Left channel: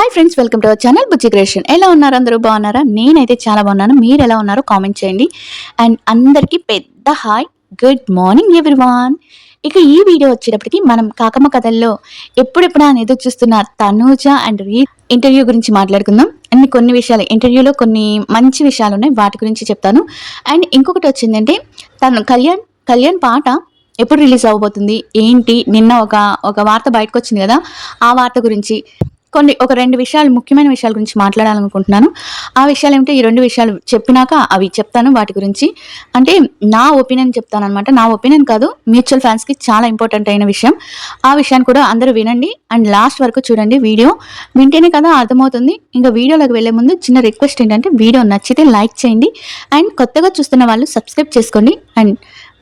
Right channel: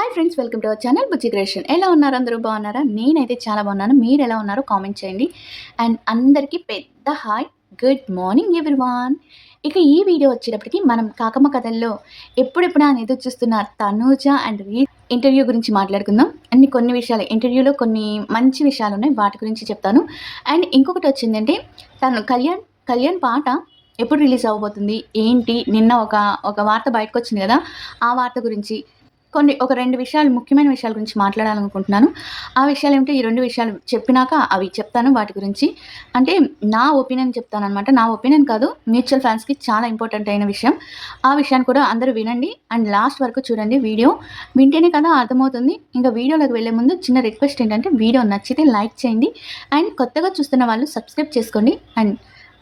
Hi friends, welcome to our channel Bujji creation. ఎలా ఉన్నారు? అందరూ బాగున్నారా? నేనైతే చాలా బాగున్నాను. మీరు ఎలా ఉన్నారో కామెంట్ చేయండి. అండ్ అందరికీ పెద్ద హాయ్, గుడ్ మార్నింగ్ ఎవ్రీవాన్. ఇక ఈ వీడియో వచ్చేటప్పటికి మనం కాకమ్మ కథల్లో ఎప్పుడెప్పుడు అని ఎదురు చూస్తున్న తనూజ అండ్ ఇంటర్వ్యూ గురించి మాట్లాడుకుందాం. అండ్ కొన్ని విషయాలు ఇంటర్వ్యూలో కొన్ని మంచి విషయాలు ఉన్నాయి, వాటి గురించి చెప్తాను. అండ్ ఇంకొకటి వచ్చిందంటే తను కళ్యాణ్ పాట ఎప్పుడు రిలీజ్ అవ్వబోతుంది ఏంటి, నిన్న ఒక వార్త బయటకు వచ్చింది కదా, ఆ వార్త గురించి ఒక 2 విషయాలు, ముఖ్యమైన విషయాల గురించి మాట్లాడాలనుకుంటున్నాను. ఆ విషయాలు ఏమిటో ఈ 2 విషయాలు చెప్పినాక అవి చెప్తాను. వాటి గురించి అంటే నా ఒపీనియన్ చెప్తాననమాట. నా ఒపీనియన్ కాదు, మ్యూచువల్ ఫ్యాన్స్‌కి చాలా ఇంపార్టెంట్ అయిన విషయం. ఆ విషయాన్ని కూడా అందరూ వినండి అండ్ లాస్ట్ వరకు చూడండి. వీడియో వింటేనే కదా అర్థమవుతుంది. ఇంకా వీడియోలోకి వెళ్ళే ముందు చిన్న రిక్వెస్ట్ ఏంటంటే, వీడియో నచ్చితే లైక్ చేయండి అండ్ కొత్తగా చూస్తున్న వాళ్ళు సబ్స్క్రైబ్ చేసుకోండి. అండ్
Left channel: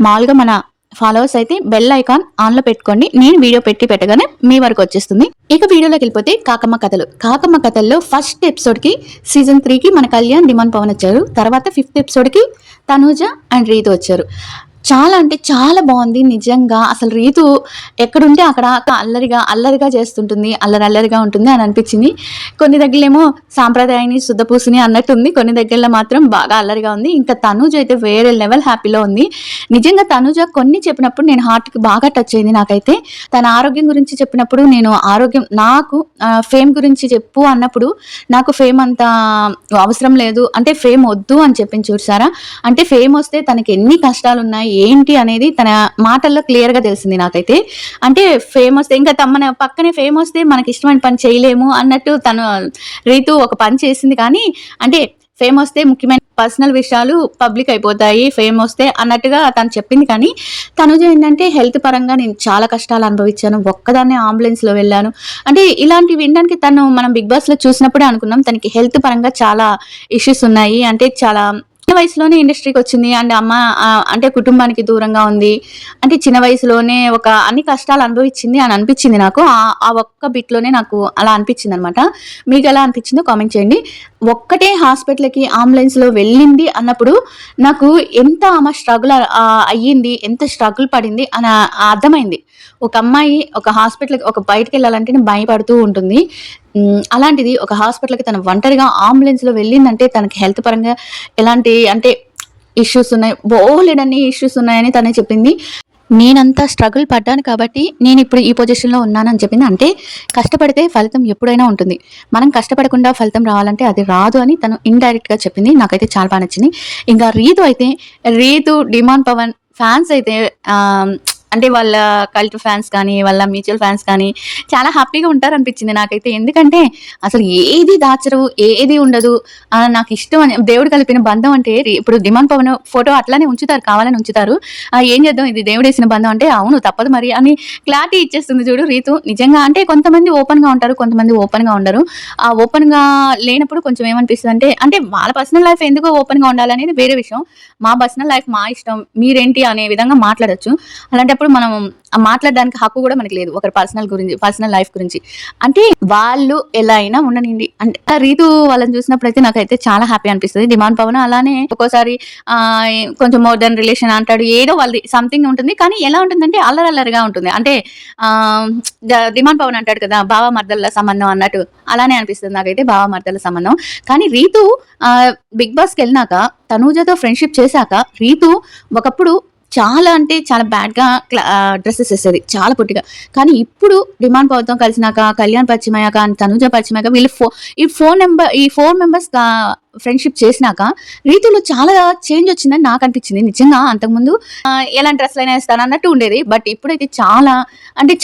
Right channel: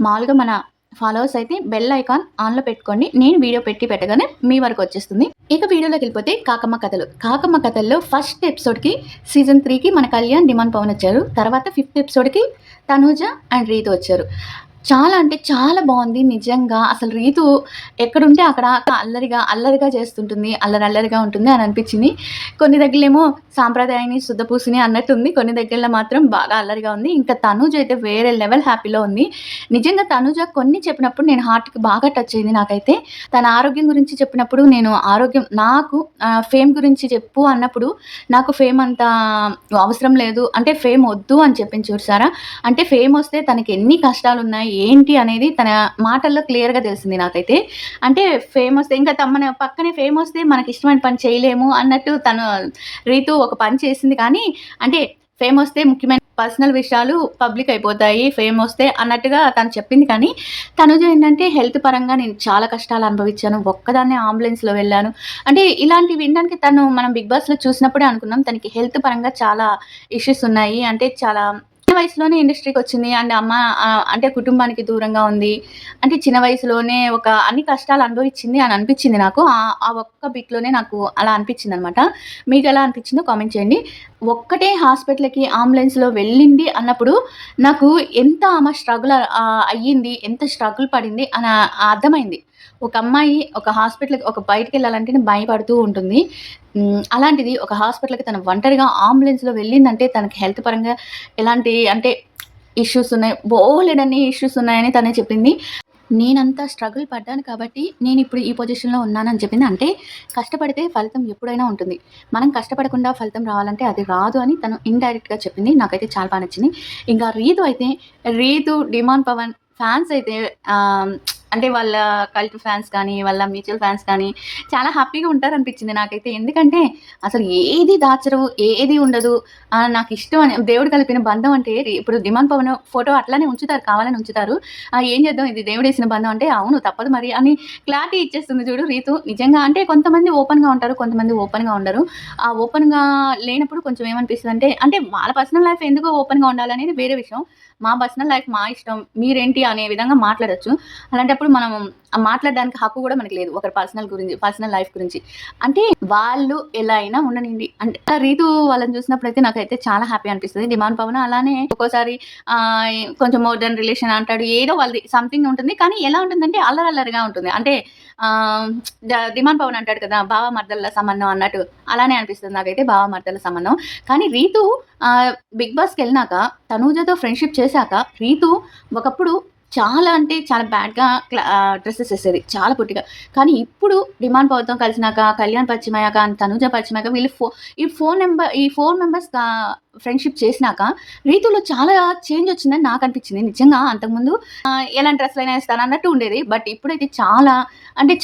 మామూలుగా మన ఫాలోవర్స్ అయితే బెల్ ఐకాన్ ఆన్లో పెట్టుకోండి. నేను వీడియో పెట్టగానే మీ వరకు వచ్చేస్తుంది. ఇక వీడియోలోకి వెళ్ళిపోతే కాకమ్మ కథల్లో ఫస్ట్ ఎపిసోడ్కి సీజన్ 3కి మన కళ్యాణ్, డిమాండ్ పవన్ వచ్చారు. తర్వాత 5th ఎపిసోడ్కి తనూజ అండ్ రీతు వచ్చారు. చాలా అంటే చాలా బాగుంది నిజంగా. అసలు రీతు ఎక్కడుంటే అక్కడ అల్లరిగా చేస్తుంటుంది, అల్లరిగా ఉంటుంది అని అనిపించింది. కొన్ని దగ్గరలేమో సాంప్రదాయాన్ని శుద్ధపూసిని అన్నట్టుంది, కొన్ని దగ్గరలో మాత్రం బాగా అల్లరిగా ఉంది. ఇంకా తనూజ అయితే వేరే లెవెల్ హ్యాపీలో ఉంది. నిజంగా తనూజ కొన్ని చెప్పినప్పుడు నేను హార్ట్కి బాగా టచ్ అయింది. నాకైతే తన ఆరోగ్యం గురించి చెప్పినప్పుడు, నేను నాకు ఫేమ్ గురించి చెప్పు అన్నప్పుడు, నాకు ఫేమ్ అంత అవసరం లేదు, అంటే ఫేమ్ వద్దు అని చెప్పింది చూసారా. అంటే ఫేమ్ వస్తే తనకి ఎన్ని కష్టాలు ఉన్నాయి ఏంటి అనేది తన మాటల్లో క్లియర్ గా తెలిసింది నాకైతే. అంటే ఫేమ్ వస్తే ఇంకా మన పక్కనే ఫేమ్ వస్తే మనకి ఇష్టమైన పని చేయలేము అన్నట్టు రీతు ఒక పని చేసింది. కానీ అంటే ఫేమ్ వస్తే ముఖ్యమైన పర్సనల్ విషయాలు పబ్లిక్ అయిపోతాయి ఫేమ్ వస్తే అన్నట్టుగా తను చెప్పింది. కానీ తనుజ ఏంటంటే హెల్త్ పరంగా నేను చాలా కష్టాలు అనుభవించాను, ఒక్కదాన్నే అంబులెన్స్లో వెళ్ళాను. అంటే ఇలాంటివి వినడానికి మనం బిగ్ బాస్లో చూసినప్పుడే అనుకున్నాం తనకి హెల్త్ పరంగా చాలా ఇష్యూస్ ఉన్నాయి. అంటే చాలా చిన్న వయసులోనే ఇండస్ట్రీకి వచ్చింది అండ్ అమ్మ అంటే కుటుంబానికి దూరంగా ఉంది. అంటే చిన్న వయసులోనే అన్ని కష్టాలు అనుభవించింది అని అనిపించింది నాకు. ఆ ఒక్క బిట్లోనే నాకు అలా అనిపించింది అనమాట. మీకు ఎలా అనిపించిందో కామెంట్ చేయండి. ఒక్కటే హాస్పిటల్కి అంబులెన్స్లో వెళ్ళింది అన్నప్పుడు నాకు ఎంత ఆమె స్ట్రగుల్ అయ్యింది, ఎంత స్ట్రగుల్ పడింది అని అర్థమైంది. ఒక అమ్మాయి ఒక హాస్పిటల్కి బయటకు వెళ్ళాలంటేనే భయపడుతూ ఉంటుంది. అలాంటిది ఒక హాస్పిటల్కి తను ఒంటరిగా అంబులెన్స్లో వెళ్ళిందంటే తనకి హెల్త్ పరంగా ఎలాంటి అంటే ఇష్యూస్ ఉన్నాయి, బోలెడన్ని ఇష్యూస్ ఉన్నాయని తనే చెప్పింది. నేనంతా స్ట్రగుల్ పడ్డాను కాబట్టి నేను ఇప్పుడు ఈ పొజిషన్లో ఉన్నానని చెప్పింది. అంటే కష్టపడితే ఫలితం ఎప్పుడైనా ఉంటుంది, మనం కష్టపడకుండా ఫలితం రావాలంటే అది రాదు అని తను ఇండైరెక్ట్గా చెప్పింది. నాకైతే చాలా బాగా నచ్చింది. ఇంకా రీతు డిమాండ్ పవన్ ఫ్యాన్స్ అయితే అంటే వాళ్ళ కల్ట్ ఫ్యాన్స్ కానీ వాళ్ళ మ్యూచువల్ ఫ్యాన్స్ కానీ చాలా హ్యాపీగా ఉంటారనిపించింది నాకైతే. ఎందుకంటే అసలు ఏది దాచరు, ఏది ఉండదు, నాకు ఇష్టం అని దేవుడు కలిపిన బంధం. అంటే ఇప్పుడు డిమాండ్ పవన్ ఫోటో అట్లానే ఉంచుతారు, కావాలని ఉంచుతారు. ఏం చేద్దాం, ఇది దేవుడు వేసిన బంధం అంటే అవును తప్పదు మరి అని క్లారిటీ ఇచ్చేస్తుంది చూడు రీతు. నిజంగా అంటే కొంతమంది ఓపెన్గా ఉంటారు, కొంతమంది ఓపెన్గా ఉండరు. ఆ ఓపెన్గా లేనప్పుడు కొంచెం ఏమనిపిస్తుంది అంటే వాళ్ళ పర్సనల్ లైఫ్ ఎందుకు ఓపెన్గా ఉండాలనేది వేరే విషయం. మా పర్సనల్ లైఫ్ మా ఇష్టం, మీరేంటి అనే విధంగా మాట్లాడచ్చు. అలాంటి మనం మాట్లాడడానికి హక్కు కూడా మనకి లేదు ఒకరి పర్సనల్ లైఫ్ గురించి. అంటే వాళ్ళు ఎలా అయినా ఉండనండి. అంటే రీతు వాళ్ళని చూసినప్పుడు అయితే నాకైతే చాలా హ్యాపీ అనిపిస్తుంది. డిమాండ్ పవన్ అలానే ఒక్కోసారి కొంచెం మోడర్న్ రిలేషన్ అంటాడు, ఏదో వాళ్ళది సంథింగ్ ఉంటుంది. కానీ ఎలా ఉంటుందంటే అల్లరల్లరిగా ఉంటుంది. అంటే డిమాండ్ పవన్ అంటాడు కదా బావ మర్దల సంబంధం అన్నట్టు, అలానే అనిపిస్తుంది నాకైతే బావ మర్దల సంబంధం. కానీ రీతు బిగ్ బాస్కి వెళ్ళినాక, తనూజతో ఫ్రెండ్షిప్ చేశాక, రీతు ఒకప్పుడు చాలా అంటే చాలా బ్యాడ్గా డ్రెస్సెస్ వేసేది, చాలా పొట్టిగా. కానీ ఇప్పుడు డిమాండ్ పవర్తో కలిసినాక, కళ్యాణ్ పరిచయం అయ్యాక, తనూజ పరిచయం అయ్యాక, వీళ్ళు ఈ 4 మెంబర్స్ ఫ్రెండ్షిప్ చేసినాక రీతులో చాలా చేంజ్ వచ్చిందని నాకు అనిపించింది. నిజంగా అంతకుముందు ఎలాంటి డ్రెస్సులు అయినా వేస్తాను అన్నట్టు ఉండేది. బట్ ఇప్పుడైతే చాలా అంటే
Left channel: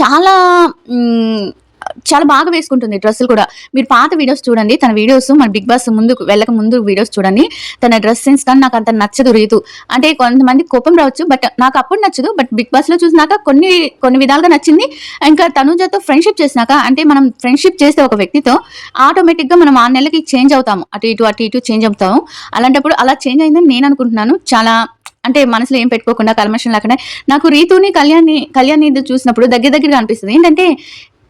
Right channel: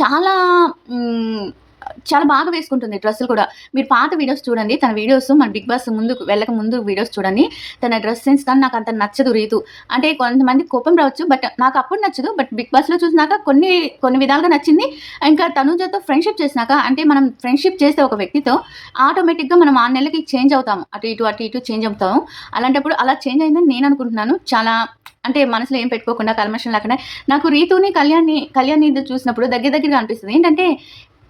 చాలా బాగా వేసుకుంటుంది డ్రెస్సులు కూడా. మీరు పాత వీడియోస్ చూడండి, తన వీడియోస్ మన బిగ్ బాస్ వెళ్ళక ముందు వీడియోస్ చూడండి. తన డ్రెస్ సెన్స్ కానీ నాకు అంత నచ్చదు రీతు. అంటే కొంతమంది కోపం రావచ్చు, బట్ నాకు అప్పుడు నచ్చదు. బట్ బిగ్ బాస్ లో చూసినాక కొన్ని విధాలుగా నచ్చింది. ఇంకా తనూజతో ఫ్రెండ్షిప్ చేసినాక, అంటే మనం ఫ్రెండ్షిప్ చేస్తే ఒక వ్యక్తితో ఆటోమేటిక్ గా మనం 6 నెలలకి చేంజ్ అవుతాము, అటు ఇటు చేంజ్ అవుతాము. అలాంటప్పుడు అలా చేంజ్ అయిందని నేను అనుకుంటున్నాను. చాలా అంటే మనసులో ఏం పెట్టుకోకుండా, కల్మషం లేకుండా. నాకు రీతుని కళ్యాణ్ చూసినప్పుడు దగ్గరగా అనిపిస్తుంది. ఏంటంటే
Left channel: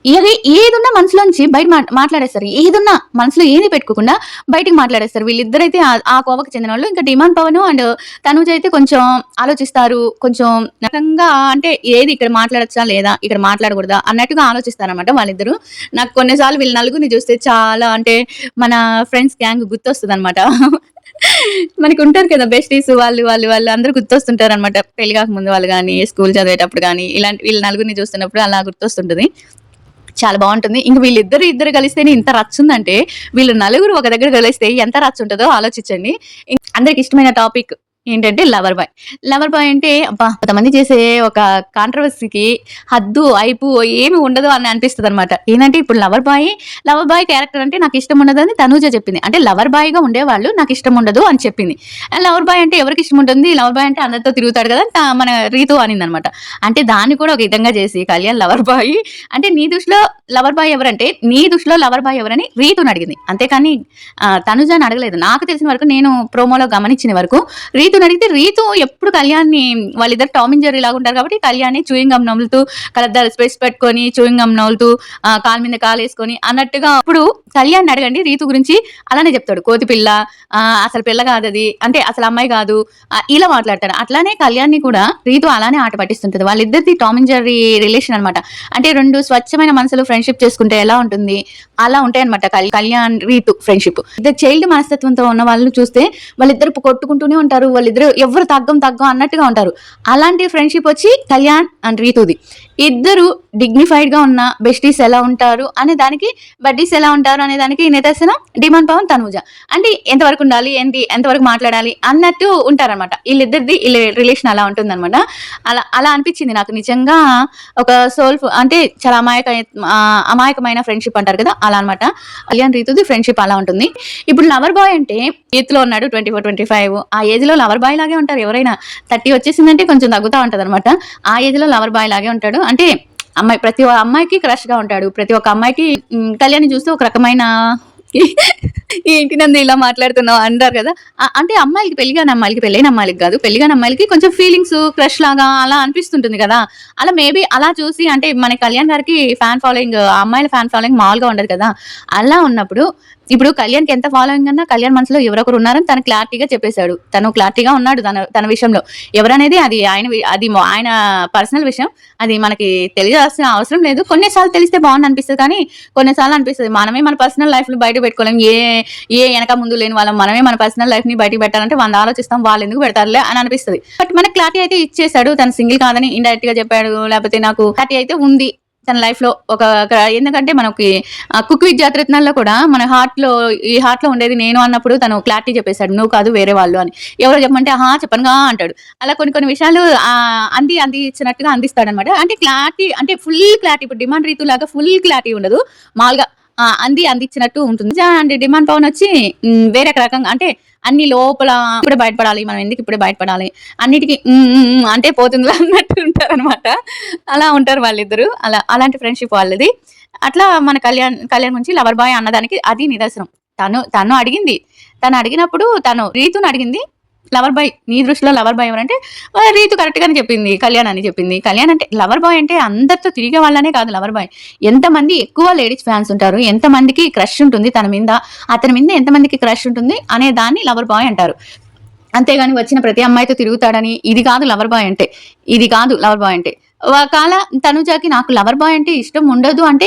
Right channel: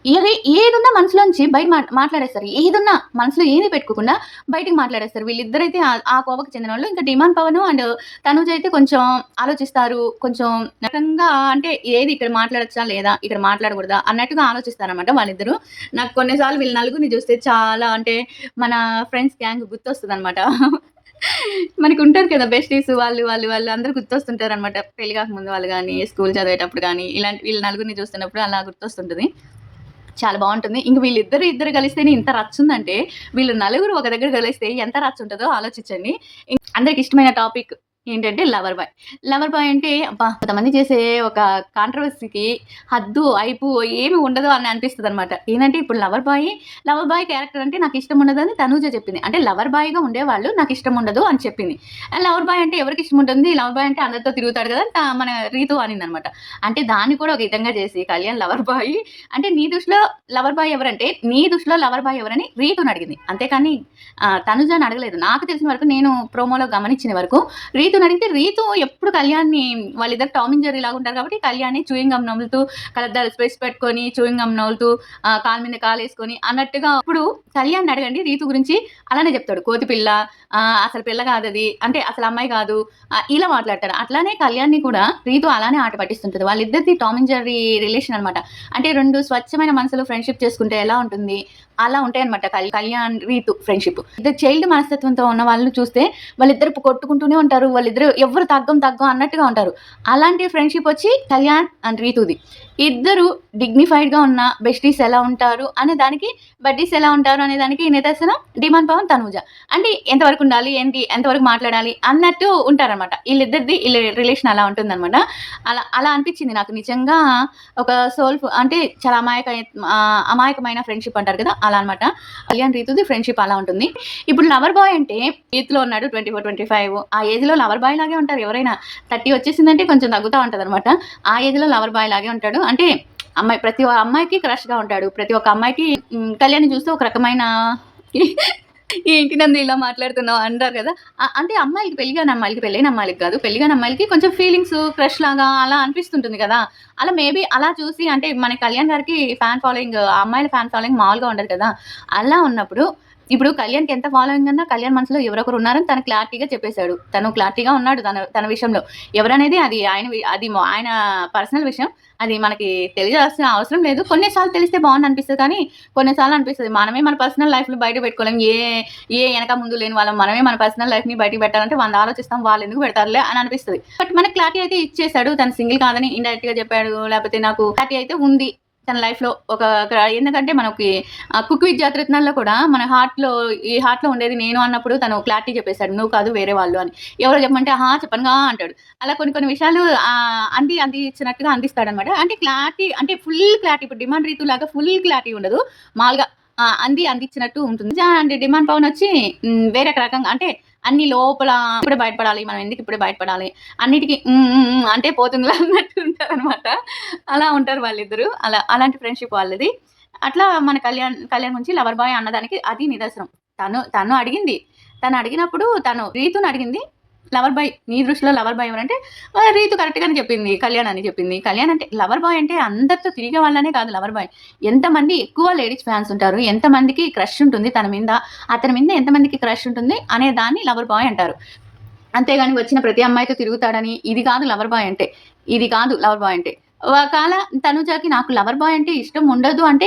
ఏది ఏదున్నా మనసులోంచి బయట మాట్లాడేస్తారు. ఏదున్నా మనసులో ఏది పెట్టుకోకుండా బయటికి మాట్లాడేస్తారు. వీళ్ళిద్దరైతే ఆ కోవకి చెందినోళ్ళు. ఇంకా డిమాండ్ పవన్ అండ్ తనూజ అయితే కొంచెం ఆలోచిస్తారు. కొంచెం రకంగా అంటే ఏది ఇక్కడ మాట్లాడొచ్చా లేదా? ఇక్కడ మాట్లాడకూడదా? అన్నట్టుగా ఆలోచిస్తారనమాట వాళ్ళిద్దరూ. నాకు కొన్ని సార్లు వీళ్ళ నలుగురిని చూస్తే చాలా అంటే మన ఫ్రెండ్స్ గ్యాంగ్ గుర్తొస్తదనమాట. మనకుంటారు కదా బెస్టీస్ వాళ్ళు అందరూ గుర్తొస్తుంటారనమాట. పెళ్లి కాకముందు వాళ్ళు గాని, స్కూల్ చదివేటప్పుడు గాని, ఇలాంటి వీళ్ళ నలుగురిని చూస్తున్నప్పుడు అలా గుర్తొస్తుంటది. చాలా బావుంటుంది. ఇంక ఇద్దరు కలిస్తేనే ఇంత రచ్చుందంటే, వీళ్ళు నలుగురు ఒక దగ్గర కలిస్తే ఎంత రచ్చుంటదో ఆలోచించండి. అందరికి ఇష్టమైన టాపిక్ ఏంటంటే లవర్ బాయ్. లవర్ బాయ్ అంటే అబ్బా! కొంతమంది చేసే ఒక కాంట్రోవర్సీకి హద్దు, అయిపు ఏమి ఉండదు అని అనిపిస్తదనమాట. ఏందంటే ఇప్పుడు లవర్ బాయ్ క్యారెక్టర్ అంటే నాకిష్టం ఉండదని తనూజ చెప్పింది. అంటే లవర్ బాయ్‌గా ఉండేవాళ్ళు నాకిష్టం ఉండదు అని చెప్పింది. లవర్ బాయ్ అంటే ఎవరికి ఇష్టం ఉంటుంది? లవర్ బాయ్ అంటే అందరితో తిరుగుతాడు కదా! మన రీతు అనిందనమాట. అంటే దాన్ని కూడా ఒక విధంగా చేసి కళ్యాణ్ లవర్ బాయ్ అంటే నీ దృష్టిలో లవర్ బాయ్ ఎవరంటే, నీ దృష్టిలో లవర్ బాయ్ ఎవరని రీతుని అడిగింది. అంతేకాని తనుజని అడగలేదు. నాకు తెలిసిన వరకు నేను ప్రోమోలో గమనించిన వరకు రీతుని అడిగితే రీతు ఎప్పుడు కళ్యాణ్‌ని వాళ్ళిద్దరు టామ్ అండ్ జెర్రీ లాగా ఉంటారు కాబట్టి కళ్యాణ్‌ని చూయింగ్ గమ్ నములుతూ కళ్ళద్దాలు స్పెట్స్ పెట్టుకొని చూయింగ్ గమ్ నములుతూ కాలు మీద కాలేసుకొని అన్నట్టుగా ఇప్పుడు కళ్యాణ్‌ని అడగండి రీతు గురించి అలానే చెప్తాడు. కోతి పిల్ల అసలు పిల్ల కాదది. అంటే అసలు అమ్మాయి కాదు. ఇలా మాట్లాడతాడు. అట్లానే కళ్యాణ్‌ని కూడా రీతు అలానే ఆట పట్టిస్తుంటది. వాళ్ళిద్దరిది టామ్ అండ్ జెర్రీ రిలేషన్ అనమాట. అంటే 2 స్వచ్ఛమైన మనసులు ఫ్రెండ్‌షిప్ చేసుకుంటే ఎలా ఉంటుంది? అలా ఉంటాయన్నమాట కళ్యాణ్, రీతు ఫ్రెండ్‌షిప్. ఇద్దరు చైల్డ్ మనస్తత్వంతో ఉన్న వాళ్ళని చూస్తే వాళ్ళిద్దరు కొట్టుకుంటూనే ఉంటారు. వాళ్ళిద్దరు ఎవరు తగ్గం అన్నట్టుగా ఉంటారు. అలాంటి ఫ్రెండ్‌షిప్ వచ్చి కళ్యాణ్ అండ్ రీతుది. ఇద్దరు డిగ్నిఫైడ్‌గా ఉన్న బెస్టీస్ ఎలా ఉంటారు అనే దానికి, బడ్డీస్ ఎలా ఉంటారు అనే దానికి నిదర్శనం డిమాండ్ పవన్, తనూజ. అంటే ఎంతవరకు ఉండాలి, ఏంటి, ఎంతవరకు మాట్లాడాలి అన్నట్టు ఉంటారనమాట. వీళ్ళిద్దరిది రిలేషన్ అలా ఉంటుందనమాట. అలా అనిపించింది నాకు నిజంగా ఒక అంటే చాలా అమాయకమైన ఫ్రెండ్‌షిప్ అంటారు కదా! అలా అనమాట. కళ్యాణ్ రీతుది ఫ్రెండ్‌షిప్ అలా ఉంటుంది. ఇప్పుడు లవర్ బాయ్ అంటే ఎత్తులో ఉన్నాడు 24, 25 ఆ ఏజ్‌లో లవర్ బాయ్ లాగే ఉంటారు ఎవరైనా. 30 వచ్చేసిందంటే కొంచెం తగ్గుతా ఉంటదనమాట. ఆ ఏజ్‌లో లవర్ బాయ్ లాగే ఉంటాడు. అంటే ప్రతి అమ్మాయికి క్రష్‌గా ఉంటాడు. ప్రతి ఒక్క అమ్మాయికి కళ్యాణ్‌ని చూస్తే ఒక రకమైన ఏంటి నందు ఇలా మాట్లాడుతున్నావు అంటారు కదా! అంటే అమ్మాయిలకి పెళ్లి కాని అమ్మాయిలకి, పెళ్ళైన అమ్మాయిలకి కాదు. పెళ్లి కాని అమ్మాయిలకి కొంచెం ఫీలింగ్స్ క్రష్ లాగా అలా అనిపిస్తుంటుంది కదా! అలా మేబీ అలా చూసి అంటే మన కళ్యాణ్ గారికి ఫ్యాన్ ఫాలోయింగ్ అమ్మాయిల ఫ్యాన్ ఫాలోయింగ్ మామూలుగా ఉండదు కదా! అలా ఉన్నప్పుడు ఇప్పుడు కళ్యాణ్‌కి ఎంత ఫాలోయింగ్ అన్నా కళ్యాణ్ మనసులో ఎవరొకరు ఉన్నారని తను క్లారిటీగా చెప్పేసాడు. తను క్లారిటీగా ఉన్నాడు తన విషయంలో. ఎవరనేది అది ఆయన పర్సనల్ విషయం. అది మనకి తెలియాల్సిన అవసరం లేదు. కొన్ని సార్లు తెలిస్తే బావుండనిపిస్తది కానీ, కొన్ని సార్లు అనిపిస్తది మనమే మన పర్సనల్ లైఫ్‌ని బయట పెట్టుకోలేం. ఎనక ముందు లేని వాళ్ళం మనమే మన పర్సనల్ లైఫ్‌ని బయటికి పెట్టాలంటే 100 ఆలోచిస్తాం. వాళ్ళెందుకు పెడతారులే అని అనిపిస్తది. బట్ మనకి క్లారిటీ అయితే ఇచ్చేసాడు. తను సింగిల్ కాదని ఇండైరెక్ట్‌గా చెప్పాడు. లేకపోతే నాకు క్లారిటీ అయితే ఉంది. తన లైఫ్‌లో ఎందుకంటే మనకి 'కుక్ విత్ జాతిరత్నాల్లో' కూడా మన హార్ట్‌లో ఉండేది నేను అన్నప్పుడు తను క్లారిటీ చెప్పేసాడు. నువ్వు కాదు వేరే వాళ్ళు అని. ఎవరో చెప్పమంటే ఆహా! చెప్పనుగా అంటాడు. అలా కొన్ని విషయాలు అంది ఇచ్చినట్టుగా అందిస్తాడనమాట. అంటే క్లారిటీ అంటే ఫుల్ క్లారిటీ ఇప్పుడు డిమాండ్ రీతులాగా ఫుల్ క్లారిటీ ఉండదు. మామూలుగా అందిచ్చినట్టు ఉంటుంది. అంటే డిమాండ్ పవన్ వచ్చి వేరే రకంగా అంటే అన్ని లోపల ఇప్పుడే బయటపడాలి. మనం ఎందుకు ఇప్పుడే బయటపడాలి? అన్నిటికి అంటే పోతుందిలే అన్నట్టు ఉంటారనమాట. అలా ఉంటారు వాళ్ళిద్దరూ. అలాంటి ఫ్రెండ్‌షిప్ వాళ్ళది. అట్లా మన కళ్యాణ్ గురించి లవర్ బాయ్ అన్నదానికి అది నిదర్శనం. తను అడిగింది. తను అడిగినప్పుడు రీతుని అడిగింది. లవర్ బాయ్ నీ దృష్టిలో లవర్ బాయ్ ఎవరంటే రీతు కరెక్ట్‌గానే చెప్పింది. కళ్యాణ్ అని చెప్పింది. కళ్యాణ్ అంటే లవర్ బాయ్ అంటే అందరితో తిరిగే వాళ్ళనే కాదు లవర్ బాయ్. ఎంతమంది ఎక్కువ లేడీస్ ఫ్యాన్స్ ఉంటారు. ఎంతమందికి క్రష్ ఉంటుంది తన మీద. అతని మీద ఎంతమందికి క్రష్ ఉంటుంది అనే దాన్ని లవర్ బాయ్ అంటారు. అంతేగాని వచ్చిన ప్రతి అమ్మాయితో తిరుగుతాడని ఇది కాదు లవర్ బాయ్ అంటే. ఇది కాదు లవర్ బాయ్ అంటే. ఒకవేళ తనుజకి నాకు లవర్ బాయ్ అంటే ఇష్టం ఉండదు అంటే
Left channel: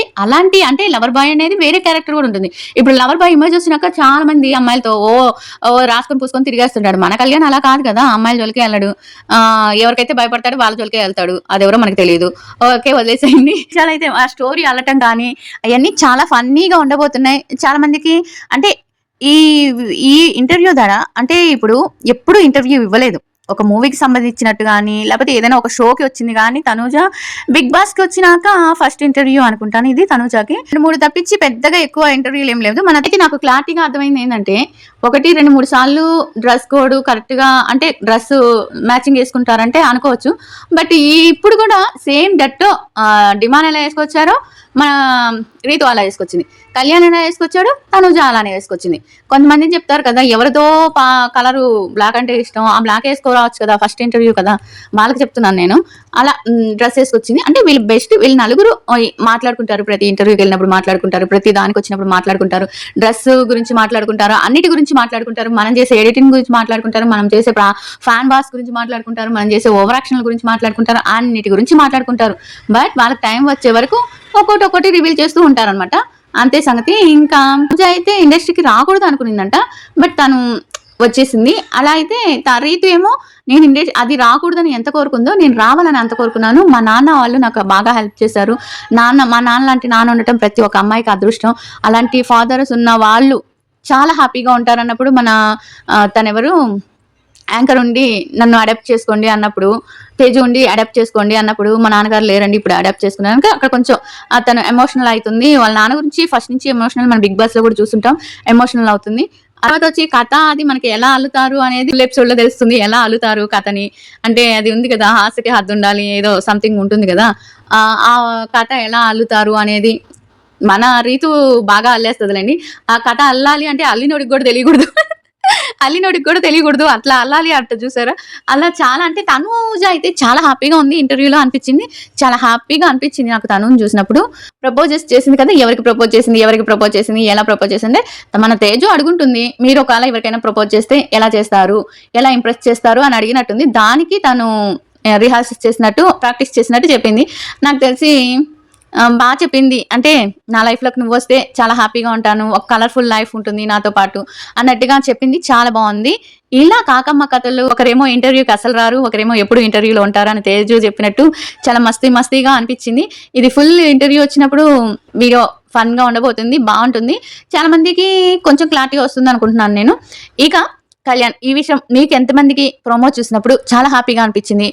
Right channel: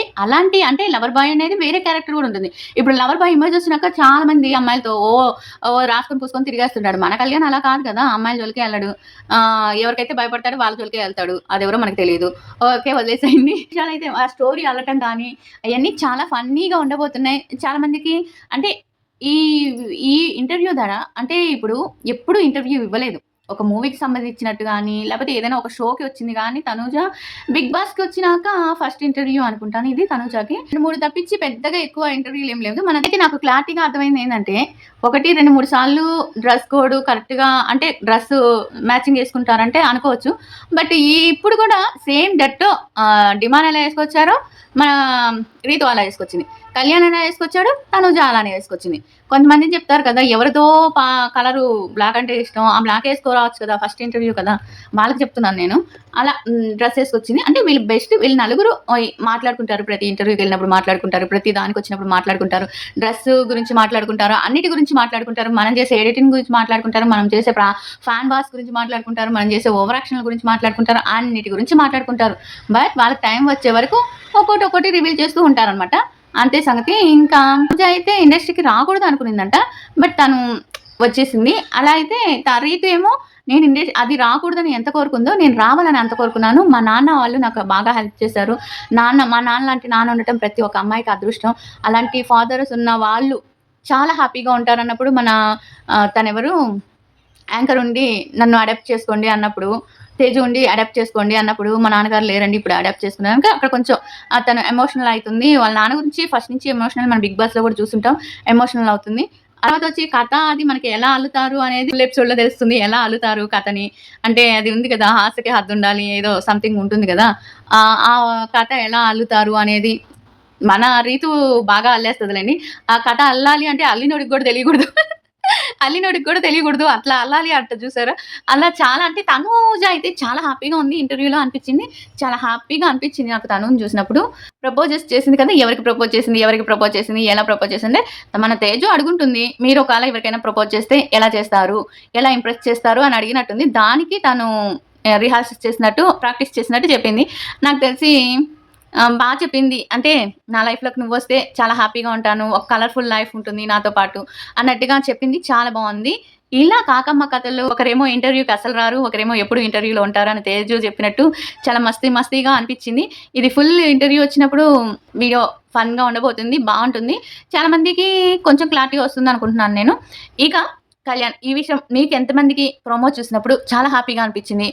అంటే లవర్ బాయ్ అనేది వేరే క్యారెక్టర్ కూడా ఉంటుంది. ఇప్పుడు లవర్ బాయ్ ఇమేజ్ వచ్చినాక చాలా మంది అమ్మాయిలతో రాసుకొని పూసుకొని తిరిగేస్తుంటాడు. మన కళ్యాణ్ అలా కాదు కదా! అమ్మాయిల జోలికే ఎళ్ళడు. ఎవరికైతే భయపడతాడో వాళ్ళ జోలికే ఎళ్తాడు. అదెవరో మనకు తెలీదు. ఓకే వదిలేసేయండి. చాలా అయితే ఆ స్టోరీ అల్లటం కానీ అయన్నీ చాలా ఫన్నీగా ఉండబోతున్నాయి. చాలా మందికి అంటే ఈ ఈ ఇంటర్వ్యూ ద్వారా అంటే ఇప్పుడు ఎప్పుడు ఇంటర్వ్యూ ఇవ్వలేదు. ఒక మూవీకి సంబంధించినట్టు గాని, లేకపోతే ఏదైనా ఒక షోకి వచ్చింది గాని తనూజ 'బిగ్ బాస్'కి వచ్చినాక ఫస్ట్ ఇంటర్వ్యూ అనుకుంటాను ఇది తనూజకి. 2, 3 తప్పించి పెద్దగా ఎక్కువ ఇంటర్వ్యూలు ఏం లేదు. మనకైతే నాకు క్లారిటీగా అర్థమైంది ఏంటంటే 1, 2, 3 సార్లు డ్రెస్ కోడ్ కరెక్ట్‌గా అంటే డ్రెస్ మ్యాచింగ్ చేసుకుంటారంటే అనుకోవచ్చు. బట్ ఇప్పుడు కూడా సేమ్ డిట్టో డిమాండ్ ఎలా ఏసుకొచ్చారో మన రీతు అలా వేసుకొచ్చింది, కళ్యాణ్ ఎలా వేసుకొచ్చాడు, తనుజ అలానే వేసుకొచ్చింది. కొంతమంది చెప్తారు కదా, ఎవరితో కలరు బ్లాక్ అంటే ఇష్టం, ఆ బ్లాక్ వేసుకోరావచ్చు కదా, ఫస్ట్ ఇంటర్వ్యూ కదా, వాళ్ళకి చెప్తున్నాను నేను. అలా డ్రెస్ వేసుకొచ్చింది. అంటే వీళ్ళు బెస్ట్, వీళ్ళు నలుగురు మాట్లాడుకుంటారు, ప్రతి ఇంటర్వ్యూకి వెళ్ళినప్పుడు మాట్లాడుకుంటారు, ప్రతి దానికి వచ్చినప్పుడు మాట్లాడుకుంటారు, డ్రెస్ గురించి మాట్లాడుకుంటారు, అన్నిటి గురించి మాట్లాడుకుంటారు, మనం చేసే ఎడిటింగ్ గురించి మాట్లాడుకుంటారు, మనం చేసే ఫ్యాన్ బాస్ గురించి మాట్లాడుకుంటారు, మనం చేసే ఓవర్ యాక్షన్ గురించి మాట్లాడుకుంటారు, అన్నిటి గురించి మాట్లాడుకుంటారు. బట్ వాళ్ళకి టైం వచ్చే వరకు ఒక్కొక్కటి రివీల్ చేస్తూ ఉంటారనమాట. అంతే సంగతి. ఇంకా పూజ అయితే ఇండస్ట్రీకి రాకూడదు అనుకునిందంట, బట్ తను వచ్చేసింది. అలా అయితే రీతు ఏమో నేను అది రాకూడదని ఎంత కోరుకుందో, నేను రావాలని అంత కోరుకున్నాను. మా నాన్న వాళ్ళు నాకు బాగా హెల్ప్ చేశారు. మా నాన్న లాంటి నాన్న ఉండటం ప్రతి ఒక్క అమ్మాయికి అదృష్టం. అలాంటి ఫాదర్స్ ఉన్న వాళ్ళు చాలా హ్యాపీగా ఉంటారన్నప్పుడు మన తనెవరు యాంకర్ ఉండి నన్ను అడాప్ట్ చేసుకోండి అన్నప్పుడు, తేజు ఉండి అడాప్ట్ చేసుకోండి అన్నప్పుడు, మా నాన్నగారు లేరండి ఇప్పుడు అడాప్ట్ చేసుకున్నాక అక్కడ కొంచెం తను ఎమోషనల్ అవుతుంది. వాళ్ళ నాన్న గురించి ఫస్ట్ నుంచి ఎమోషనల్, మనం బిగ్ బాస్ లో కూడా చూస్తుంటాం, ఎమోషనల్ అవుతుంది. తర్వాత వచ్చి కథ అది మనకి ఎలా అల్లుతారు అనేది ఎపిసోడ్ లో తెలుస్తుంది, ఎలా అల్లుతారు కథని. అంటే అది ఉంది కదా, హాస్యకి హద్దు ఉండాలి, ఏదో సంథింగ్ ఉంటుంది కదా, ఆ కథ ఎలా అల్లుతారు అనేది మన రీతు బాగా అల్లేస్తుందిలేండి. ఆ కథ అల్లాలి అంటే అల్లినోడికి కూడా తెలియకూడదు, అల్లినోడికి కూడా తెలియకూడదు, అట్లా అల్లాలి అంట చూసారా. అలా చాలా, అంటే తనూజ అయితే చాలా హ్యాపీగా ఉంది ఇంటర్వ్యూలో అనిపించింది. చాలా హ్యాపీగా అనిపించింది నాకు తనుని చూసినప్పుడు. ప్రపోజెస్ చేసింది కదా, ఎవరికి ప్రపోజ్ చేసింది, ఎలా ప్రపోజ్ చేసింది, మన తేజు అడుగుంటుంది, మీరు ఒకవేళ ఎవరికైనా ప్రపోజ్ చేస్తే ఎలా చేస్తారు, ఎలా ఇంప్రెస్ చేస్తారు అని అడిగినట్టుంది. దానికి తను రిహార్సల్స్ చేసినట్టు, ప్రాక్టీస్ చేసినట్టు చెప్పింది. నాకు తెలిసి బా చెప్పింది. అంటే నా లైఫ్‌లోకి నువ్వొస్తే చాలా హ్యాపీగా ఉంటాను, ఒక కలర్‌ఫుల్ లైఫ్ ఉంటుంది నాతో పాటు అన్నట్టుగా చెప్పింది. చాలా బావుంది. ఇలా కాకమ్మ కథలు, ఒకరేమో ఇంటర్వ్యూకి అసలు రారు, ఒకరేమో ఎప్పుడు ఇంటర్వ్యూలో ఉంటారు అని తేజు చెప్పినట్టు చాలా మస్తీగా అనిపించింది. ఇది ఫుల్ ఇంటర్వ్యూ వచ్చినప్పుడు వీడియో ఫన్‌గా ఉండబోతుంది, బావుంటుంది. చాలా మందికి కొంచెం క్లారిటీ వస్తుందనుకుంటున్నాను నేను. ఇక కళ్యాణ్, ఈ విషయం మీకు ఎంతమందికి ప్రోమో చూసినప్పుడు చాలా హ్యాపీగా అనిపించింది?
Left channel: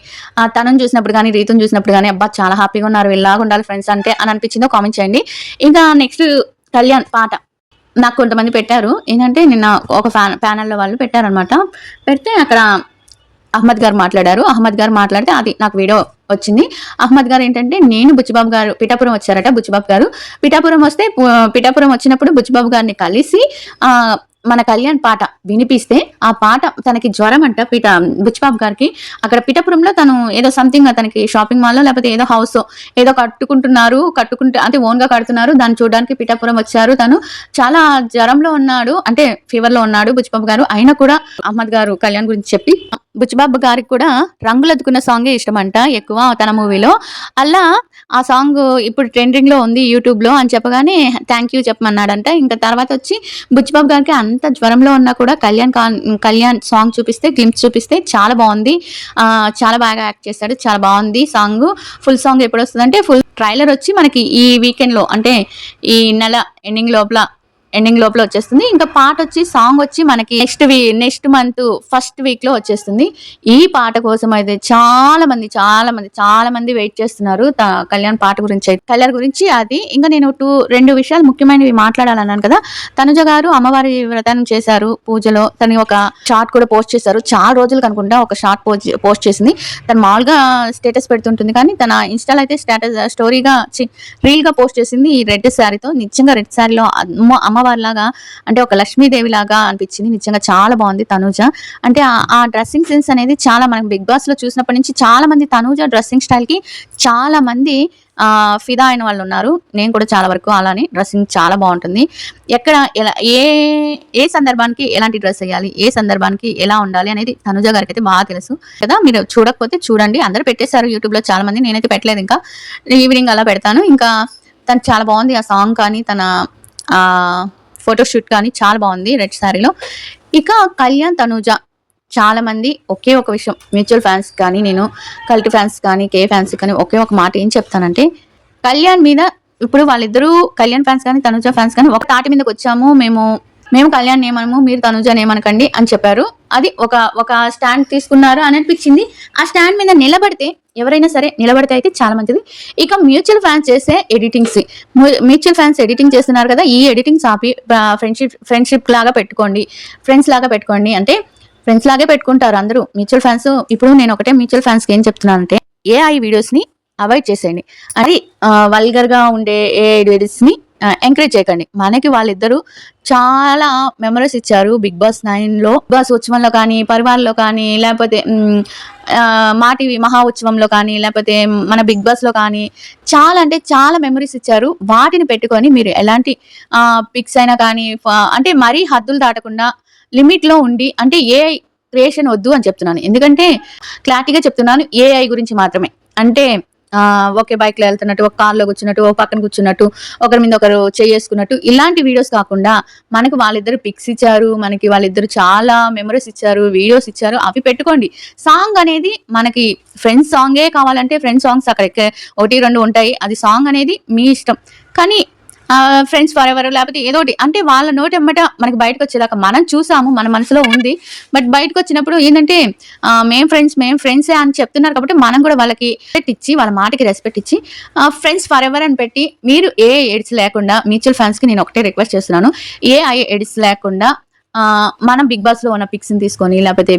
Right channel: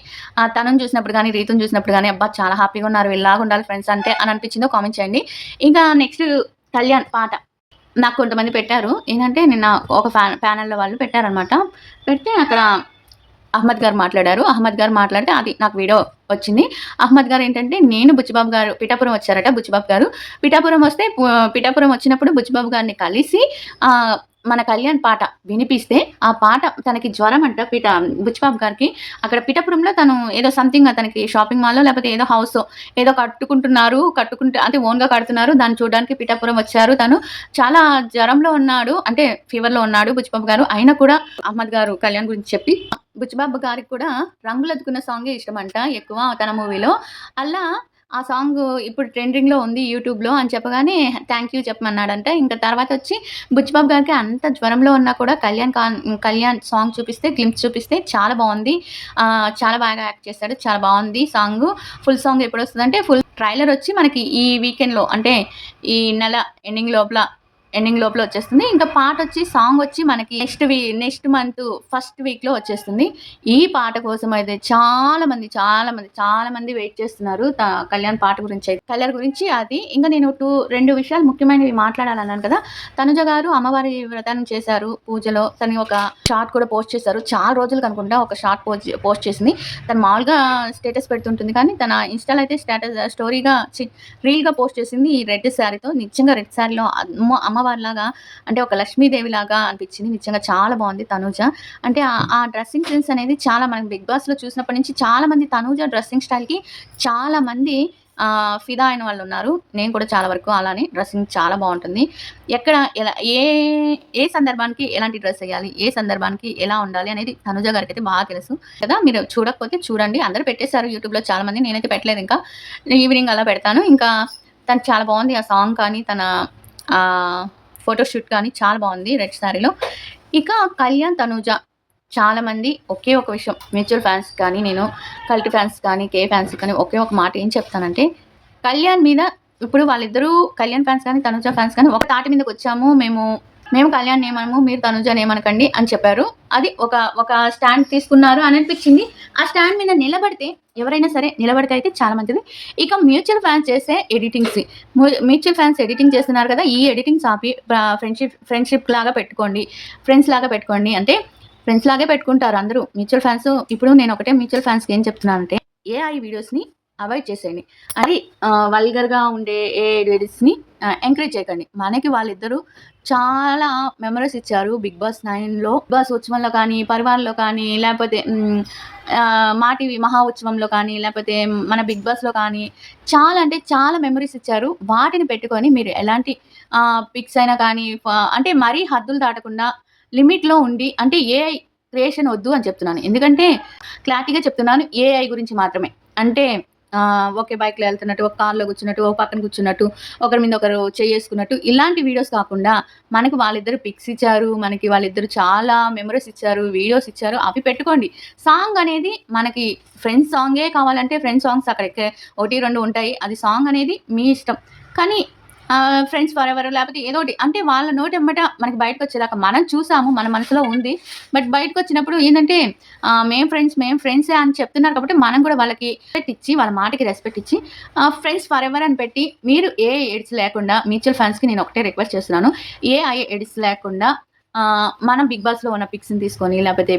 తనని చూసినప్పుడు గానీ, రీతుని చూసినప్పుడు గానీ, అబ్బా! చాలా హ్యాపీగా ఉన్నారు, వీళ్ళలాగా ఉండాలి ఫ్రెండ్స్ అంటే అని అనిపించిందో కామెంట్ చేయండి. ఇంకా నెక్స్ట్ కళ్యాణ్ పాట నాకు కొంతమంది పెట్టారు. ఏంటంటే నిన్న ఒక ప్యానెల్‌లో వాళ్ళు పెట్టారనమాట. పెడితే అక్కడ అహ్మద్ గారు మాట్లాడారు. అహ్మద్ గారు మాట్లాడితే అది నాకు వీడియో వచ్చింది. అహ్మద్ గారు ఏంటంటే, నేను బుచ్చిబాబు గారు పిఠాపురం వచ్చారట. బుచ్చిబాబు గారు పిఠాపురం వస్తే, పిఠాపురం వచ్చినప్పుడు బుచ్చిబాబు గారిని కలిసి మన కళ్యాణ్ పాట వినిపిస్తే, ఆ పాట తనకి జ్వరం అంట బుచ్చిబాబు గారికి. అక్కడ పిఠాపురంలో తను ఏదో సంథింగ్ తనకి షాపింగ్ మాల్లో లేకపోతే ఏదో హౌస్ ఏదో కట్టుకుంటే అంటే ఓన్‌గా కడుతున్నారు. దాన్ని చూడడానికి పిఠాపురం వచ్చారు. తను చాలా జ్వరంలో ఉన్నాడు, అంటే ఫీవర్‌లో ఉన్నాడు బుచ్చిబాబు గారు. అయినా కూడా అహ్మద్ గారు కళ్యాణ్ గురించి చెప్పి, బుచ్చిబాబు గారికి కూడా రంగులద్దుకున్న సాంగే ఇష్టమంట ఎక్కువ తన మూవీలో. అలా ఆ సాంగ్ ఇప్పుడు ట్రెండింగ్‌లో ఉంది యూట్యూబ్‌లో అని చెప్పగానే థ్యాంక్ యూ చెప్పమన్నాడంట. ఇంకా తర్వాత వచ్చి బుచ్చిబాబు గారికి అంత జ్వరంలో ఉన్నా కూడా కళ్యాణ్ సాంగ్ చూపిస్తే, గ్లింప్స్ చూపిస్తే చాలా బావుంది. చాలా బాగా యాక్ట్ చేశాడు. చాలా బావుంది సాంగు. ఫుల్ సాంగ్ ఎప్పుడొస్తదంటే, ఫుల్ ట్రైలర్ వచ్చి మనకి ఈ వీకెండ్‌లో, అంటే ఈ నెల ఎండింగ్ లోపల వచ్చేస్తుంది. ఇంకా పాట వచ్చి, సాంగ్ వచ్చి మనకి నెక్స్ట్ మంత్ ఫస్ట్ వీక్‌లో వచ్చేస్తుంది. ఈ పాట కోసం అయితే చాలా మంది వెయిట్ చేస్తున్నారు. కళ్యాణ్ పాట గురించి అయితే. కళ్యాణ్ గురించి అది. ఇంకా నేను 2 విషయాలు ముఖ్యమైనవి మాట్లాడాలన్నాను కదా. తనుజ గారు అమ్మవారి వ్రతం చేశారు పూజలో. తను ఒక షార్ట్ కూడా పోస్ట్ చేశారు. చాలా రోజులకు అనుకుంటా ఒక షార్ట్ పోస్ట్ చేసింది. తను మామూలుగా స్టేటస్ పెడుతుంటుంది, కానీ తన ఇన్‌స్టాలో అయితే రీల్‌గా పోస్ట్ చేసింది ఈ రెడ్ శారీతో. నిజంగా రెడ్ శారీలో అమ్మవారిలాగా, అంటే ఒక లక్ష్మీదేవి లాగా అనిపించింది. నిజంగా చాలా బాగుంది తనూజ. అంటే ఆ డ్రెస్సింగ్ సెన్స్ అనేది చాలా, మనం బిగ్ బాస్ లో చూసినప్పటి నుంచి చాలా మంది తనూజ డ్రెస్సింగ్ స్టైల్ కి చాలా మంది ఫిదా అయిన వాళ్ళు ఉన్నారు. నేను కూడా చాలా వరకు అలానే, డ్రెస్సింగ్ చాలా బాగుంటుంది. ఎక్కడ ఎలా ఏ సందర్భానికి ఎలాంటి డ్రెస్ వేయాలి, ఏ సందర్భానికి ఎలా ఉండాలి అనేది తనుజ గారికి అయితే బాగా తెలుసు కదా. మీరు చూడకపోతే చూడండి, అందరూ పెట్టేశారు యూట్యూబ్ లో చాలా మంది, నేనైతే పెట్టలేదు. ఇంకా ఈవినింగ్ అలా పెడతాను. ఇంకా తనకు చాలా బాగుంది ఆ సాంగ్ కానీ, తన ఫోటోషూట్ కానీ చాలా బాగుంది రెడ్ శారీలో. ఇక కళ్యాణ్ తనూజ చాలా మంది ఒకే ఒక విషయం, మ్యూచువల్ ఫ్యాన్స్ కానీ, నేను కల్ట్ ఫ్యాన్స్ కానీ, కే ఫ్యాన్స్ కానీ ఒకే ఒక మాట ఏం చెప్తానంటే, కళ్యాణ్ మీద ఇప్పుడు వాళ్ళిద్దరూ కళ్యాణ్ ఫ్యాన్స్ కానీ తనూజ ఫ్యాన్స్ కానీ ఒక తాటి మీదకి వచ్చాము, మేము కళ్యాణ్ ఏమనము, మీరు తనూజ ఏమనకండి అని చెప్పారు. అది ఒక స్టాండ్ తీసుకున్నారు అని అనిపించింది. ఆ స్టాండ్ మీద నిలబడితే, ఎవరైనా సరే నిలబడితే అయితే చాలా మంచిది. ఇక మ్యూచువల్ ఫ్యాన్స్ చేసే మ్యూచువల్ ఫ్యాన్స్ ఎడిటింగ్ చేస్తున్నారు కదా, ఈ ఎడిటింగ్స్ ఆపి ఫ్రెండ్షిప్ లాగా పెట్టుకోండి, ఫ్రెండ్స్ లాగా పెట్టుకోండి. అంటే ఫ్రెండ్స్ లాగే పెట్టుకుంటారు అందరూ మ్యూచువల్ ఫ్యాన్స్. ఇప్పుడు నేను ఒకటే మ్యూచువల్ ఫ్యాన్స్కి ఏం చెప్తున్నానంటే, ఏఐ వీడియోస్ని అవాయిడ్ చేసేయండి. అది వల్గర్‌గా ఉండే ఏఐ ఎంకరేజ్ చేయకండి. మనకి వాళ్ళిద్దరూ చాలా మెమోరీస్ ఇచ్చారు 'బిగ్ బాస్ 9లో'. 'బిగ్ బాస్' ఉత్సవంలో కానీ, 'పరివార్‌లో' కానీ, లేపోతే మా టీవీ 'మహా ఉత్సవంలో' కానీ, లేపోతే మన 'బిగ్ బాస్‌లో' కానీ చాలా అంటే చాలా మెమోరీస్ ఇచ్చారు. వాటిని పెట్టుకొని మీరు ఎలాంటి పిక్స్ అయినా కానీ అంటే మరీ హద్దులు దాటకుండా లిమిట్‌లో ఉండి అంటే ఏఐ క్రియేషన్ వద్దు అని చెప్తున్నాను. ఎందుకంటే క్లారిటీగా చెప్తున్నాను ఏఐ గురించి మాత్రమే. అంటే ఒకే బైక్‌లో ఎళ్తున్నట్టు, ఒక కార్‌లో కూర్చున్నట్టు, ఓ పక్కన కూర్చున్నట్టు, ఒకరి మీద ఒకరు చెయ్యేసుకున్నట్టు ఇలాంటి వీడియోస్ కాకుండా మనకు వాళ్ళిద్దరు పిక్స్ ఇచ్చారు. మనకి వాళ్ళిద్దరు చాలా మెమోరీస్ ఇచ్చారు. వీడియోస్ ఇచ్చారు. అవి పెట్టుకోండి. సాంగ్ అనేది మనకి ఫ్రెండ్స్ సాంగే కావాలంటే ఫ్రెండ్స్ సాంగ్స్ అక్కడ 1, 2 ఉంటాయి. అది సాంగ్ అనేది మీ ఇష్టం. కానీ ఫ్రెండ్స్ ఫరెవర్ లేకపోతే ఏదోటి అంటే వాళ్ళ నోటెమ్మట మనకి బయటకొచ్చేదాకా మనం చూసాము. మన మనసులో ఉంది. బట్ బయటకొచ్చినప్పుడు ఏంటంటే మేము ఫ్రెండ్సే అని చెప్తున్నారు కాబట్టి మనం కూడా వాళ్ళకి రెస్పెక్ట్ ఇచ్చి, వాళ్ళ మాటకి రెస్పెక్ట్ ఇచ్చి ఫ్రెండ్స్ ఫరెవర్ అని పెట్టి మీరు ఏ ఎడిట్స్ లేకుండా మ్యూచువల్ ఫండ్స్‌కి నేను ఒకటే రిక్వెస్ట్ చేస్తున్నాను. ఏఐ ఎడిట్స్ లేకుండా మనం 'బిగ్ బాస్‌లో' ఉన్న పిక్స్‌ని తీసుకొని లేకపోతే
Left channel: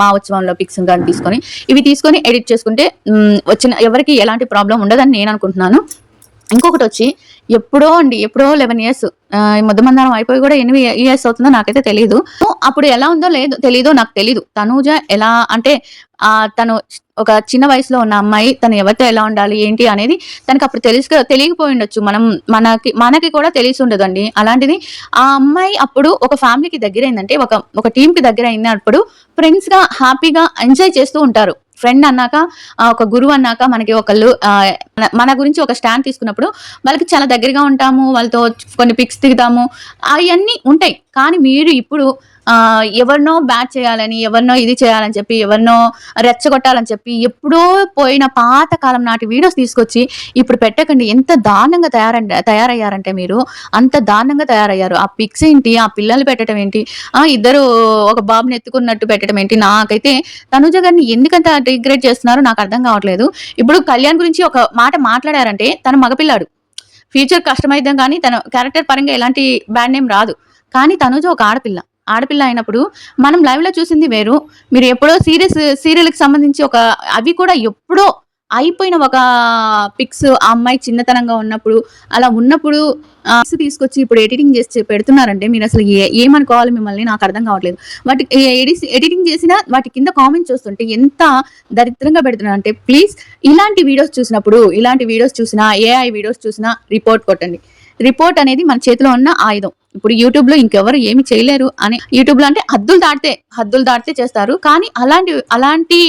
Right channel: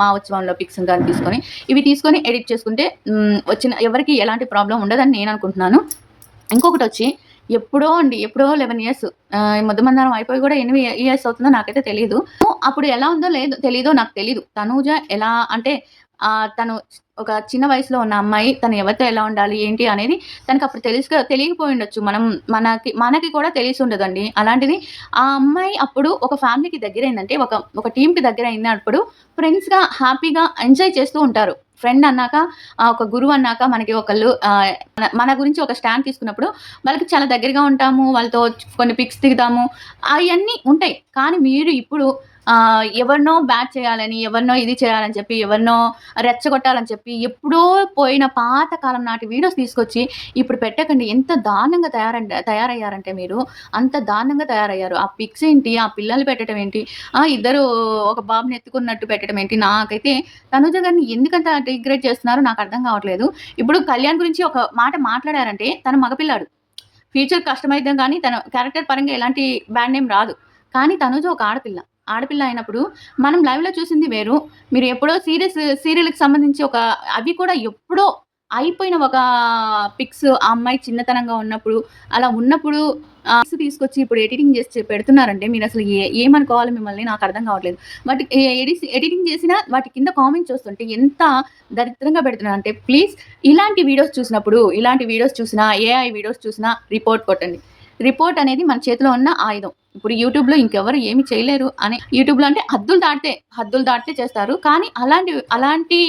మా ఉత్సవంలో పిక్స్‌ని గాని తీసుకొని ఇవి తీసుకొని ఎడిట్ చేసుకుంటే వచ్చిన ఎవరికీ ఎలాంటి ప్రాబ్లమ్ ఉండదని నేను అనుకుంటున్నాను. ఇంకొకటొచ్చి ఎప్పుడో 11 ఇయర్స్ ముద్దమందారం అయిపోయి కూడా ఎన్ని ఇయర్స్ అవుతుందో నాకైతే తెలీదు. అప్పుడు ఎలా ఉందో తెలీదో నాకు తెలీదు. తనూజ ఎలా అంటే తను ఒక చిన్న వయసులో ఉన్న అమ్మాయి. తను ఎవరితో ఎలా ఉండాలి, ఏంటి అనేది తనకప్పుడు తెలియకపోయుండొచ్చు. మనకి కూడా తెలిసుండదండి. అలాంటిది ఆ అమ్మాయి అప్పుడు ఒక ఫ్యామిలీకి దగ్గరైందంటే, ఒక టీమ్‌కి దగ్గరైనప్పుడు ఫ్రెండ్స్‌గా హ్యాపీగా ఎంజాయ్ చేస్తూ ఉంటారు. ఫ్రెండ్ అన్నాక ఒక గురువు అన్నాక మనకి ఒకళ్ళు మన గురించి ఒక స్టాండ్ తీసుకున్నప్పుడు వాళ్ళకి చాలా దగ్గరగా ఉంటాము. వాళ్ళతో కొన్ని పిక్స్ దిగుతాము. అయన్నీ ఉంటాయి. కానీ మీరు ఇప్పుడు ఎవరినో బ్యాట్ చేయాలని, ఎవరినో ఇది చేయాలని చెప్పి, ఎవరినో రెచ్చగొట్టాలని చెప్పి, ఎప్పుడో పోయిన పాత కాలం నాటి వీడియోస్ తీసుకొచ్చి ఇప్పుడు పెట్టకండి. ఎంత దారుణంగా తయారయ్యారంటే మీరు, అంత దారుణంగా తయారయ్యారు. ఆ పిక్స్ ఏంటి, ఆ పిల్లలు పెట్టడం ఏంటి, ఇద్దరు ఒక బాబుని ఎత్తుకున్నట్టు పెట్టడం ఏంటి, నాకైతే తనుజ గారిని ఎందుకంత డిగ్రేడ్ చేస్తున్నారో నాకు అర్థం కావట్లేదు. ఇప్పుడు కళ్యాణ్ గురించి ఒక మాట మాట్లాడారంటే తను మగపిల్లాడు. ఫ్యూచర్ కష్టమైద్దాం కానీ తన క్యారెక్టర్ పరంగా ఎలాంటి బ్యాడ్ నేమ్ రాదు. కానీ తనుజ ఒక ఆడపిల్ల. ఆడపిల్ల అయినప్పుడు మనం లైవ్‌లో చూసింది వేరు. మీరు ఎప్పుడో సీరియల్‌కి సంబంధించి అవి కూడా ఎప్పుడో అయిపోయిన ఒక పిక్స్ ఆ అమ్మాయి చిన్నతనంగా ఉన్నప్పుడు, అలా ఉన్నప్పుడు తీసుకొచ్చి ఇప్పుడు ఎడిటింగ్ చేసి పెడుతున్నారంటే మీరసలు ఏమనుకోవాలి మిమ్మల్ని నాకర్థం కావట్లేదు. వాటి ఎడిటింగ్ చేసినా వాటి కింద కామెంట్స్ చూస్తుంటే ఎంత దరిద్రంగా పెడుతున్నారంటే ప్లీజ్ ఇలాంటి వీడియోస్ చూసినా, ఏఐ వీడియోస్ చూసినా రిపోర్ట్ కొట్టండి. రిపోర్ట్ అనేది మన చేతిలో ఉన్న ఆయుధం. ఇప్పుడు యూట్యూబ్‌లో ఇంకెవరు ఏమి చేయలేరు అని యూట్యూబ్‌లో అంటే హద్దులు దాటితే చేస్తారు. కానీ అలాంటి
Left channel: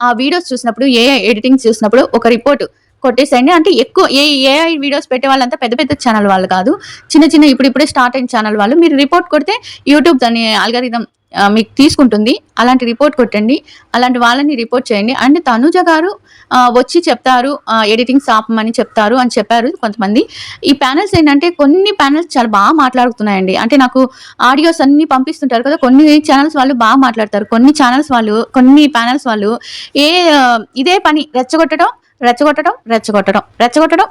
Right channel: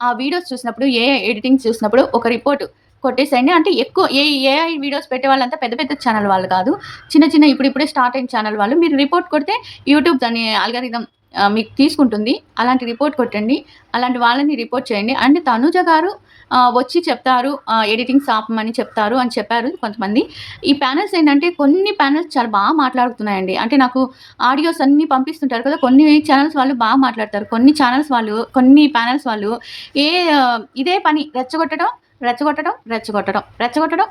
వీడియోస్ చూసినప్పుడు ఏఐ ఎడిటింగ్ చూసినప్పుడు ఒక రిపోర్ట్ కొట్టేసేయండి. అంటే ఎక్కువ ఏఐ వీడియోస్ పెట్టే వాళ్ళంతా పెద్ద పెద్ద ఛానల్ వాళ్ళు కాదు. చిన్న ఇప్పుడిప్పుడే స్టార్ట్ అయిన ఛానల్ వాళ్ళు. మీరు రిపోర్ట్ కొడితే యూట్యూబ్ దాని అల్గారిథం మీకు తీసుకుంటుంది. అలాంటి రిపోర్ట్ కొట్టండి. అలాంటి వాళ్ళని రిపోర్ట్ చేయండి. అండ్ తనుజ గారు వచ్చి చెప్తారు ఎడిటింగ్స్ ఆపమని చెప్తారు అని చెప్పారు కొంతమంది. ఈ ప్యానెల్స్ ఏంటంటే కొన్ని ప్యానెల్స్ చాలా బాగా మాట్లాడుతున్నాయండి. అంటే నాకు ఆడియోస్ అన్నీ పంపిస్తుంటారు కదా! కొన్ని ఛానెల్స్ వాళ్ళు బాగా మాట్లాడతారు. కొన్ని ప్యానెల్స్ వాళ్ళు ఇదే పని రెచ్చగొట్టడం.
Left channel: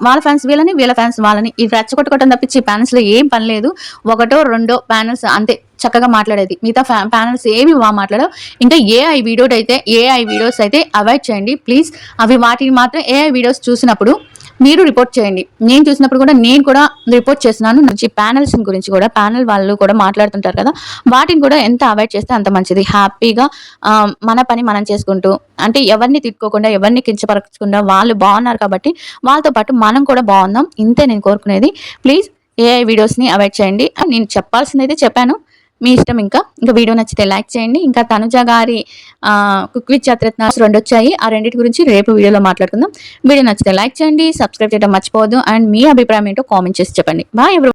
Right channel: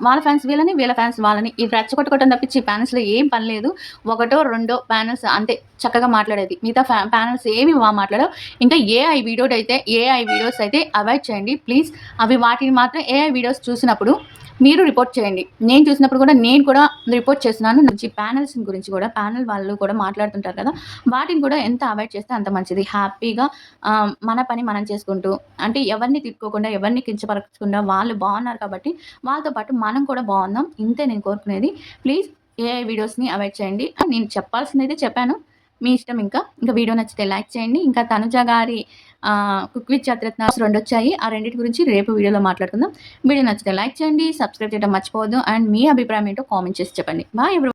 వాళ్ళ ఫ్యాన్స్ వీళ్ళ ఫ్యాన్స్ వాళ్ళని. ఈ రెచ్చగొట్టుకోవడం తప్పించి ఈ ప్యానెల్స్‌లో ఏం పని లేదు. ఒకటో రెండో ప్యానెల్స్ అంతే చక్కగా మాట్లాడేది. మిగతా ప్యానెల్స్ ఏమి మాట్లాడవు. ఇంకా ఏఐ వీడియోస్ అయితే అవాయిడ్ చేయండి ప్లీజ్. వాటిని మాత్రం ఏఐ వీడియోస్ చూసినప్పుడు మీరు రిపోర్ట్ చేయండి. నేను చూసినప్పుడు కూడా నేను కూడా రిపోర్ట్ చేస్తున్నాను. ప్యానెల్స్ గురించి కూడా ప్యానెల్ వాళ్ళు కూడా మాట్లాడుతుంటారు కదా! వాటిని కూడా ఎంత అవాయిడ్ చేస్తే అంత మంచిది. హ్యాపీగా మన పని మనం చేసుకుంటూ అంటే ఎవరిని తిట్టుకోకుండా, ఎవరిని కించపరచకుండా వాళ్ళు బాగున్నారు కాబట్టి వాళ్ళతో పాటు మనం కూడా బాగుందాం. ఇంతే నేను కోరుకునేది. ప్లీజ్ ఏఐ వీడియోస్‌ని అవాయిడ్ చేయండి. నేను చెప్పాల్సిందైతే చెప్పాను. మీ ఇష్టం ఇంకా వీడియో నచ్చితే లైక్ చేయండి. ఇంకా తనుజ గారి కుక్ విత్ చత్రత్నాస్ 2 వచ్చాయి. ఆ రెండిటి గురించి రేపు వీడియోలో మాట్లాడుకుందాం. వీడియో నచ్చితే లైక్ చేయండి. సబ్స్క్రైబ్ చేయడం మర్చిపోవద్దు. అండ్ మీ అభిప్రాయం ఏంటో కామెంట్ చేసి చెప్పండి. Bye everyone.